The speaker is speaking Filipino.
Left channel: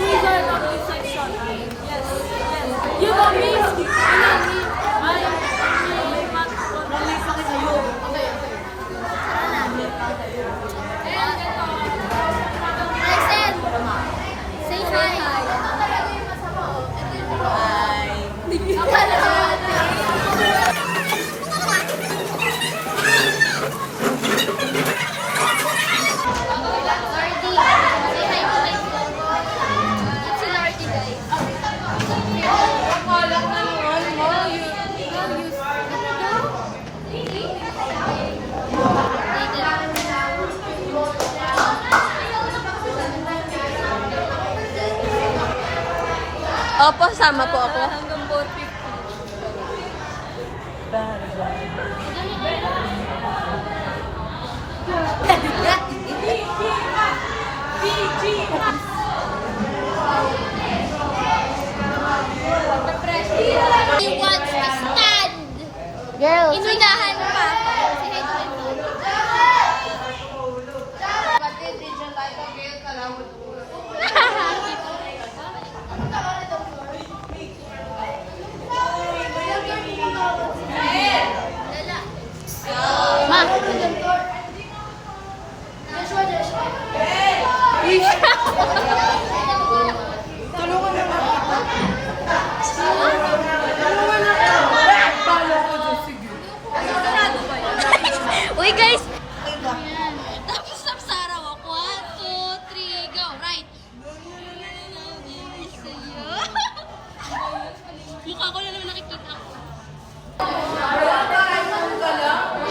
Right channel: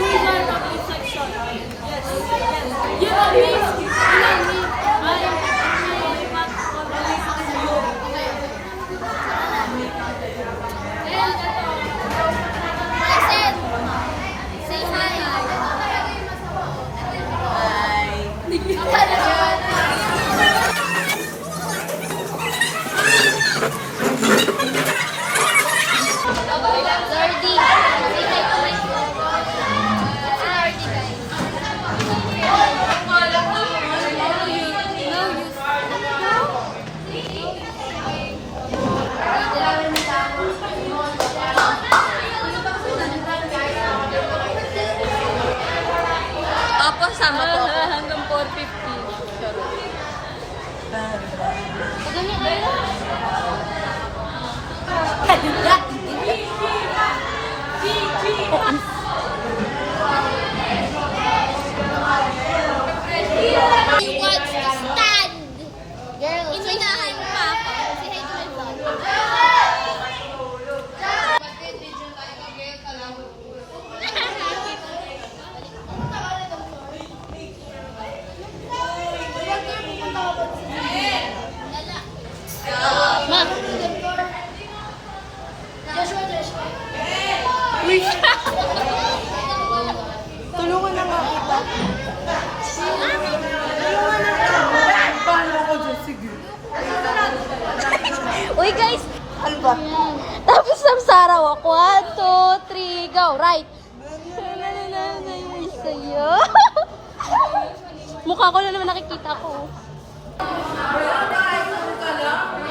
wizard of deception. Yes, yes. You know me. You know me. I am not convinced of you. And ito. Say hi. Lordy. Say hi to my phone. It's si Lordy, guys. Opo, sama po ako. Hanggang 450. You can't stand! Girl, inunahan mo pa ako. Si hi to my phone. Kapatid, did you like a girl kalawot? Ma! Uy! Tulungan na nga kita. Tulungan na kita. Bala ko dyan, sige. Uy, guys! Ano ba? Tapos samsara ako. 1, 2, 3, go! Right! Sa'yo. Mukha ko na naman nakikita ko. Wala tayo, ano ka lang?